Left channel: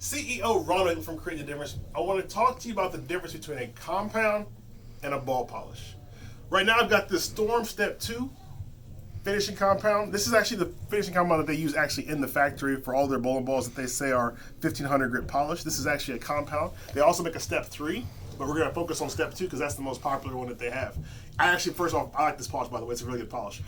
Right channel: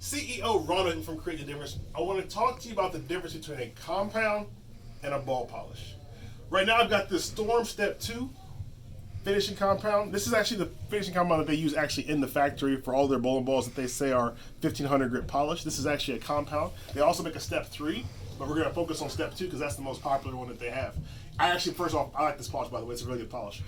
CEO Ronald from Create the Difference. I want to talk to you about the difference between a compound and a ball polish. Right now I've got this Storm Step 2 finishing compound. This is actually the finishing compound that they use actually in the factory for all their bowling balls that they say are 1500 grit polish. This is actually a compound. They also make a Step 3, but we're going to focus on Step 2 because that's the most popular one that they have. I actually, first off, I like this polish, by the way. It's a really good polish.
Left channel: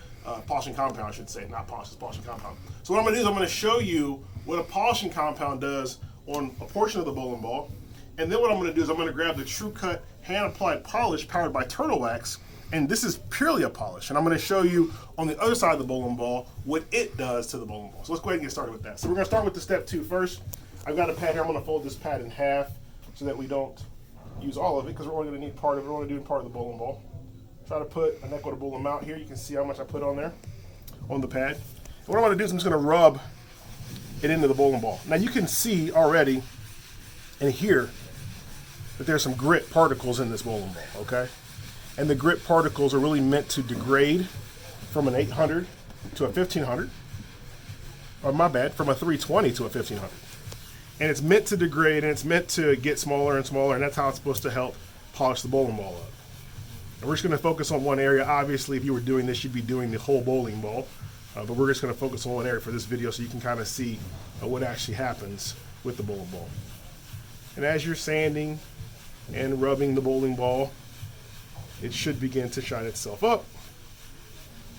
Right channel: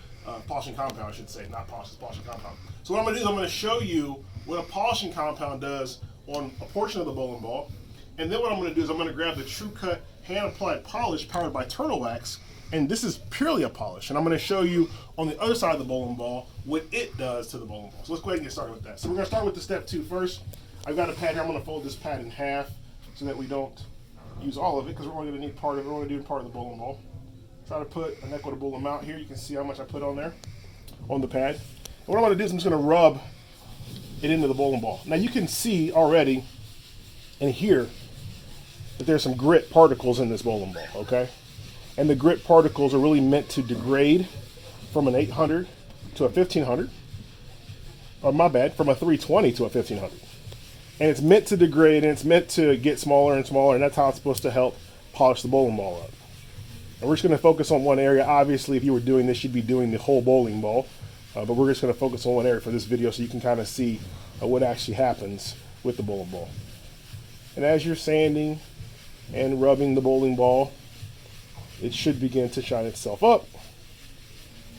Polishing compound, I should say. Not polish, it's polishing compound. So what I'm going to do is I'm going to show you what a polishing compound does on a portion of the bowling ball. And then what I'm going to do is I'm going to grab the TruCut hand-applied polish powered by Turtle Wax. And this is purely a polish. And I'm going to show you on the other side of the bowling ball what it does to the bowling ball. So let's go ahead and get started with that. So we're going to start with the Step 2 first. I've got a pad here. I'm going to fold this pad in half so that we don't use all of it because we're only going to need part of it. We're only doing part of the bowling ball. Try to put an equitable amount here. You can see how much I put on there on the pad. And what I'm going to do is I'm just going to rub it into the bowling ball. Now you can see already and hear that there's some grit particles in this bowling ball, okay? And the grit particles are really meant to degrade from an 800 to a 1500, or my bad, from a 320 to a 1500. And it's meant to degrade and it's meant to get smaller and smaller, and that's how it's supposed to help polish the bowling ball up. And we're just going to focus on one area. Obviously, if you were doing this, you'd be doing the whole bowling ball. But we're just going to focus on one area for this video so you can kind of see what actually happens with the bowling ball. And as you're sanding and rubbing the bowling ball, it should begin to shine itself up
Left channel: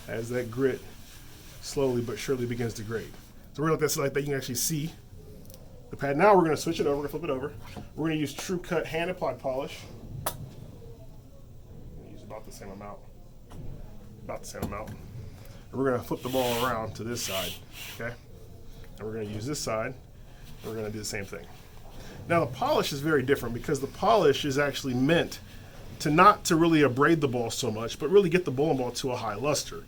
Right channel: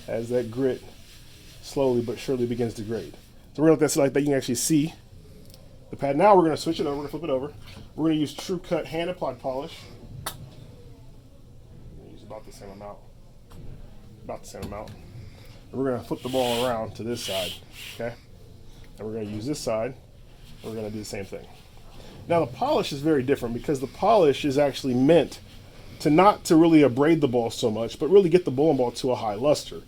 as that grit slowly but surely begins to grade. So we're going to let that like that. You can actually see the pad. Now we're going to switch it over. We're going to flip it over. We're going to use TruCut hand applied polish. About the same amount. About the same amount. And we're going to flip the ball around to this side, okay? And we're going to use this side, and we're going to do the same thing. Now the polish is very different because the polish is actually meant to not to really abrade the ball so much, but really get the bowling ball to a high luster.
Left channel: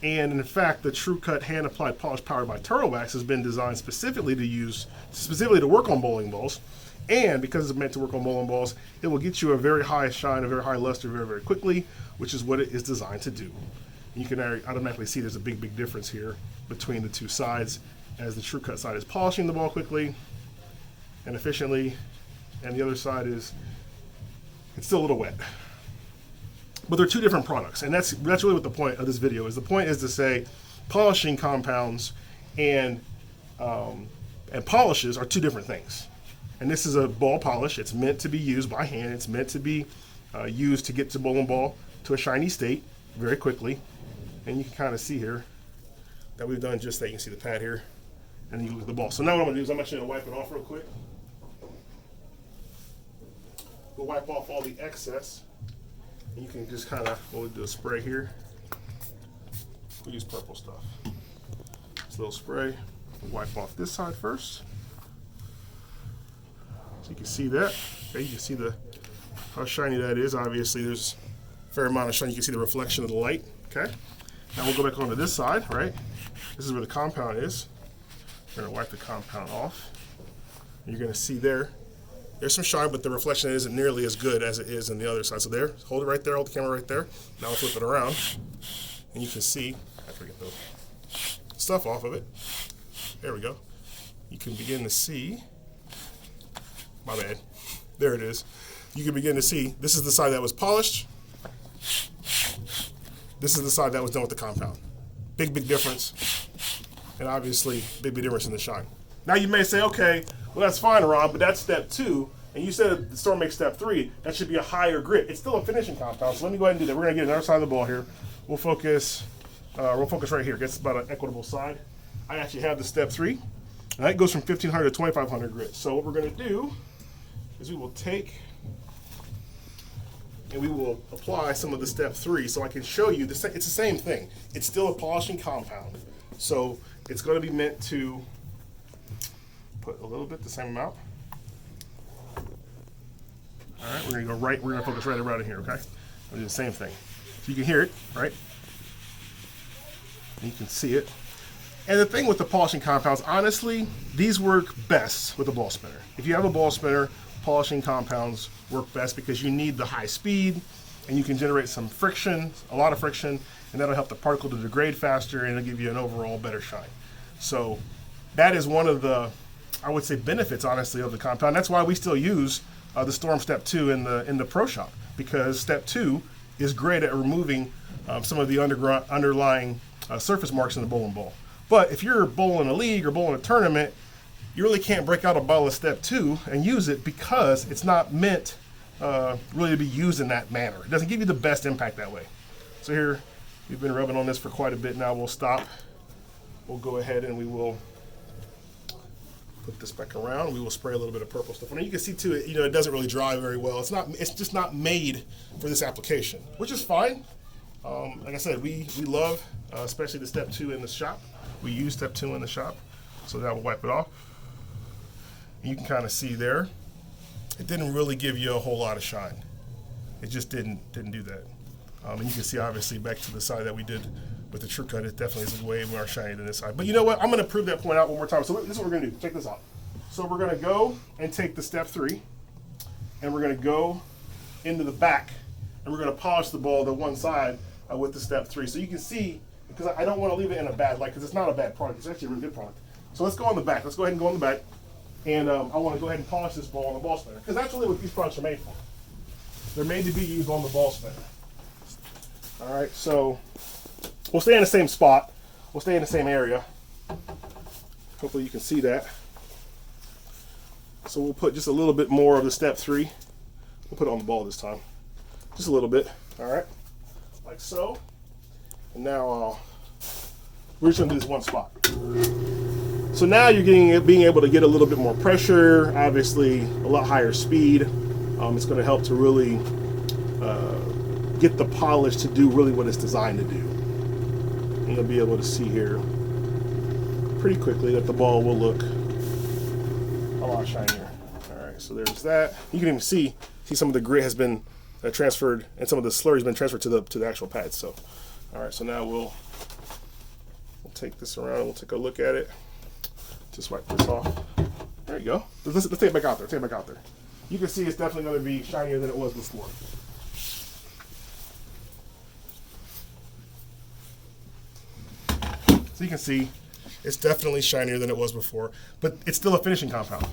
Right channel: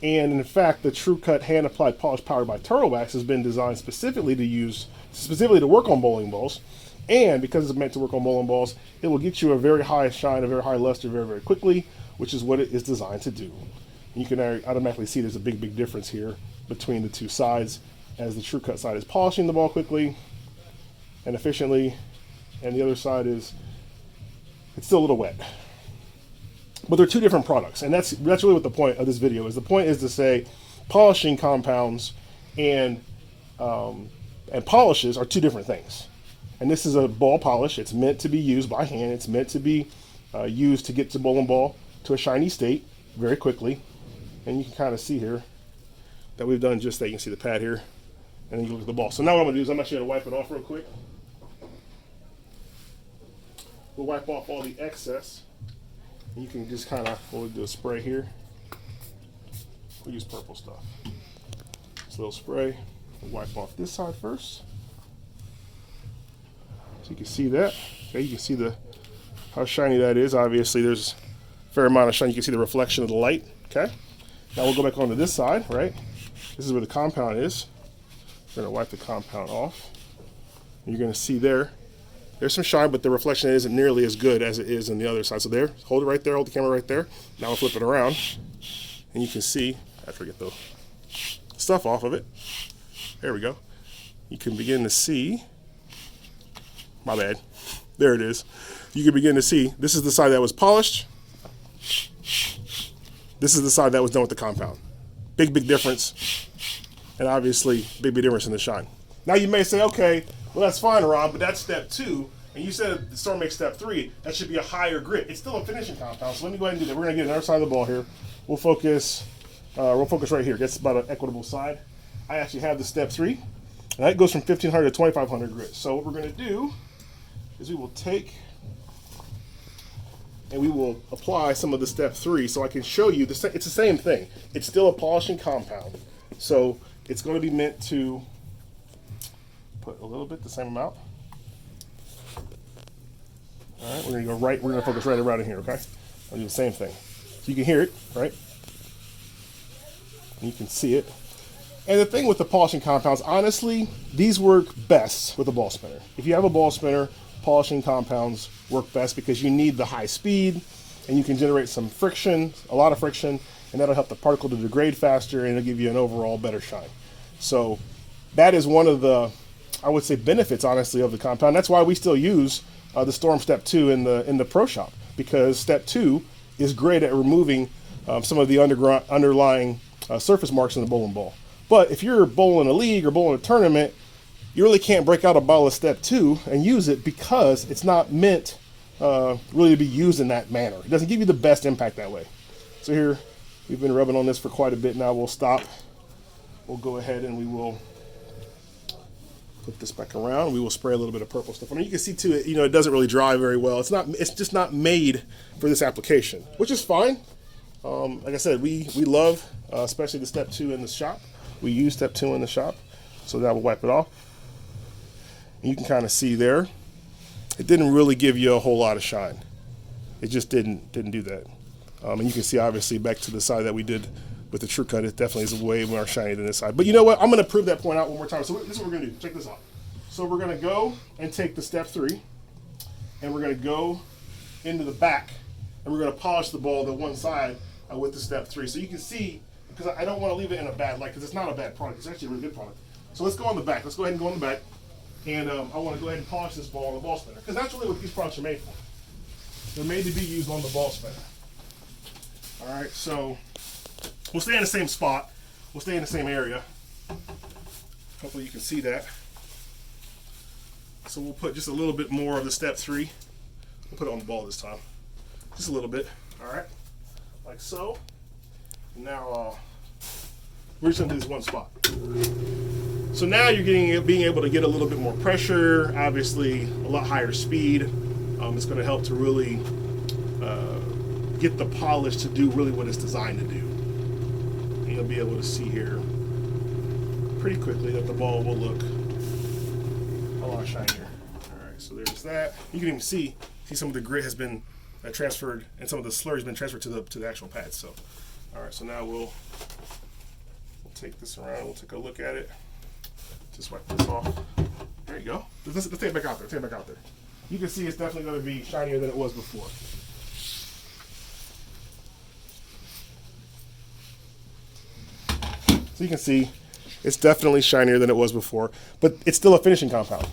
And in fact, the TruCut hand applied polish powered by Turtle Wax has been designed specifically to work on bowling balls. And because it's meant to work on bowling balls, it will get you a very high shine, a very high luster very, very quickly, which is what it is designed to do. You can automatically see there's a big, big difference here between the two sides, as the TruCut side is polishing the ball quickly and efficiently, and the other side is, it's still a little wet. But they're two different products, and that's really what the point of this video is. The point is to say polishing compounds and polishes are two different things. And this is a ball polish. It's meant to be used by hand. It's meant to be used to get the bowling ball to a shiny state very quickly. And you can kind of see here that we've done just that. You can see the pad here, and then you look at the ball. So now what I'm going to do is I'm actually going to wipe it off real quick. We'll wipe off all the excess. And you can just kind of, we'll do a spray here. We'll use purple stuff. Just a little spray. We'll wipe off this side first. So you can see that. Okay, you can see how shiny that is. Obviously, there's a fair amount of shine. You can see the reflection of the light. Okay. Now we'll go back onto this side, right? This is where the compound is. We're going to wipe the compound off. And you're going to see there's some shine, but the reflection isn't nearly as good as it is on the other side. So there, hold it right there, hold the camera right there. Now we'll flip it around, and you can see, I forget the stuff off of it. There we go. You can begin to see, my bad, there it is. You can begin to see, this is the side that was polished. This is the side that was done with the compound. Big, big difference. And obviously, big, big difference in the shine. Now you may say, okay, well that's fine, Rob, but that's Step 2. And you said the Storm makes Step 3. That should be a higher grit. It's still a finishing compound, so let me go ahead and do that. We're going to get another side of the ball here. We'll focus right here. It's about an equitable side. I actually have the Step 3. And that goes from 1500 to 2500 grit. So what we're going to do is we will take and we will apply some of the Step 3 so I can show you, it's the same thing. It's still a polishing compound. So it's going to be meant to put a little bit, the same amount. All right, we're going to go right, we're going to focus right around in here, okay? I'll do the same thing. So you can hear it, right? And you can see it. And the thing with the polishing compounds, honestly, these work best with a ball spinner. If you have a ball spinner, polishing compounds work best because you need the high speed and you can generate some friction, a lot of friction, and that'll help the particle to degrade faster and it'll give you an overall better shine. So that is one of the I would say, benefits, honestly, of the compound. That's why we still use the Storm Step 2 in the Pro Shop, because Step 2 is great at removing some of the underlying surface marks in the bowling ball. But if you're bowling a league or bowling a tournament, you really can't break out a bottle of Step 2 and use it, because it's not meant really to be used in that manner. It doesn't give you the best impact that way. So here, we've been rubbing on this for quite a bit now. We'll stop. We'll go ahead and we will put this back around. We will spray a little bit of purple stuff on it. You can see too, it doesn't really dry very well. It's just not made for this application, which is fine. Like I said, we love, especially the Step 2 in the shop. We use Step 2 in the shop. So now we'll wipe it off. And you can kind of see there, it didn't really give you a whole lot of shine. It just didn't do that. And you can see, obviously, back to the side that we did with the TruCut, it definitely is way more shiny than this side. But you know what? I'm going to prove that point out one more time. So this is what we're going to do. Check this out. So we're going to go and take the Step 3, and we're going to go into the back, and we're going to polish the ball the one side with the Step 3. So you can see, because I don't want to leave it in a bad light, because it's not a bad product. It's actually a really good product. So let's go on the back. Let's go ahead and go on the back. And I want to go ahead and polish this ball on the ball spinner, because that's really what these products are made for. They're made to be used on the ball spinner. All right, so we'll stay in the same spot. We'll stay in the same area. Hopefully you can see that. So we'll put just a little bit more of the Step 3. We'll put it on the ball this time. Just a little bit, all right? Like so. And now we're just gonna do this one spot. So now you're being able to get a little bit more pressure, obviously a lot higher speed. It's gonna help to really get the polish to do really what it's designed to do. And you'll be able to see here pretty quickly that the ball will look a lot shinier. All right, so there's that. You can even see some of the grit has been transferred, and some of the slurry has been transferred to the actual pads. So, all right, so now we'll take this around and we'll take a look at it. Just wipe this off. There you go. Let's take it back out there. Take it back out there. You can see it's definitely going to be shinier than it was before. So you can see it's definitely shinier than it was before, but it's still a finishing compound.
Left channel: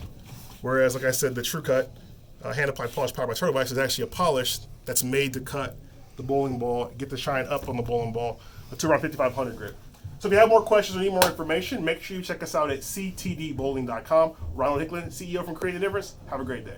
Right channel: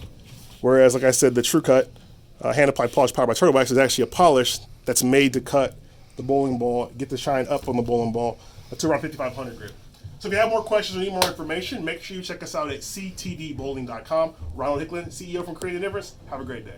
Whereas, like I said, the TruCut hand applied polish powered by Turtle Wax is actually a polish that's made to cut the bowling ball, get the shine up on the bowling ball to around 5,500 grit. So if you have more questions or need more information, make sure you check us out at ctdbowling.com. Ronald Hicklin, CEO from Creative Difference. Have a great day.